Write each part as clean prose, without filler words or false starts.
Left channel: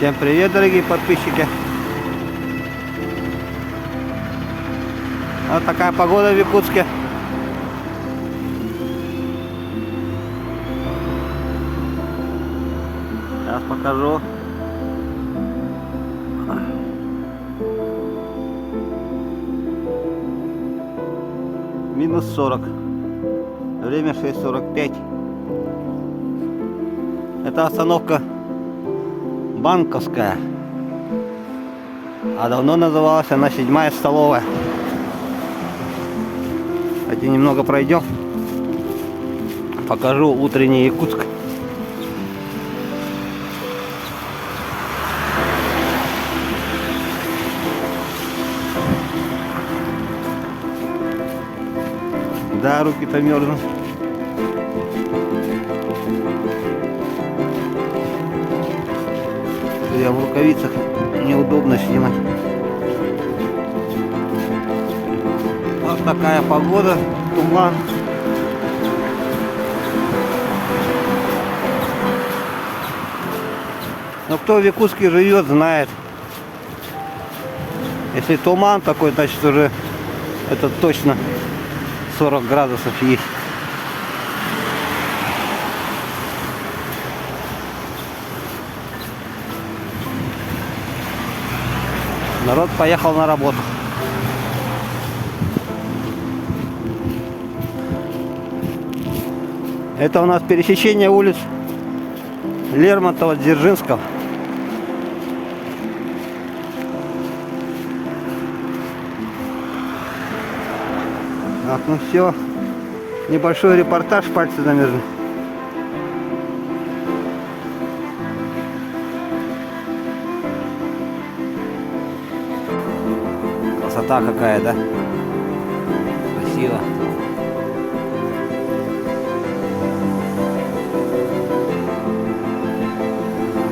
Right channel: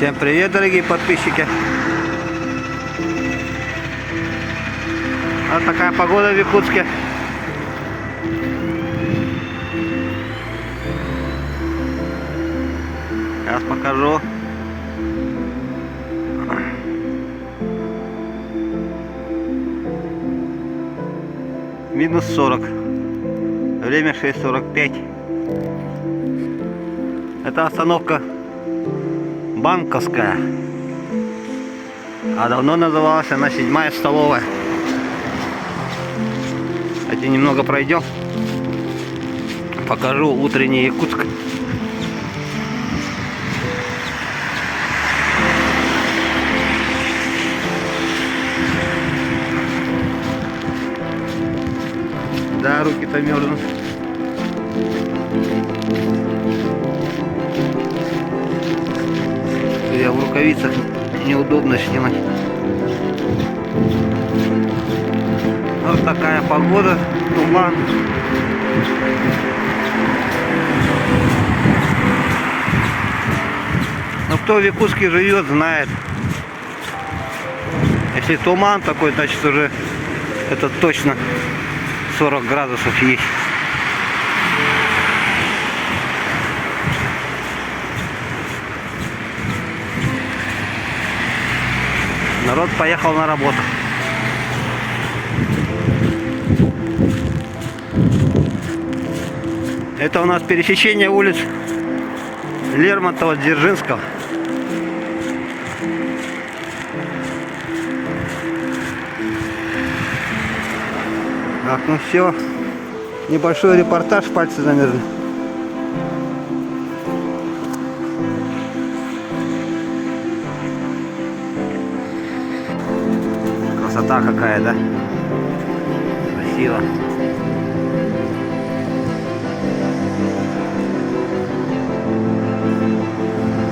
Всем привет, дорогие подписчики. Вот такая погода в Якутске. Сейчас покажу. Минус 40. Время 6:45. Это остановка Банковская. А давно называлась она 7-я столовая. Кстати, немного пройдем. Покажу утренний Якутск. Да, руки-то мерзнут. Я в рукавицах, неудобно снимать. Вот такая погода, туман. Но кто в Якутске живет, знает. Если туман такой, значит уже это точно 40 градусов есть. Народ поехал на работу. Это у нас пересечение улиц Лермонтова, Дзержинского. Так, ну все. Небольшой репортаж, пальцы замерзли. Красота какая, да? Красиво.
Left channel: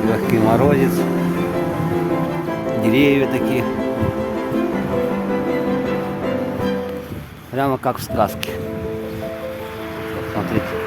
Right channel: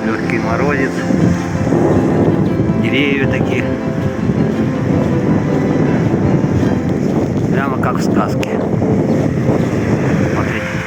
Легкий морозец. Деревья такие. Прямо как в сказке. Смотрите.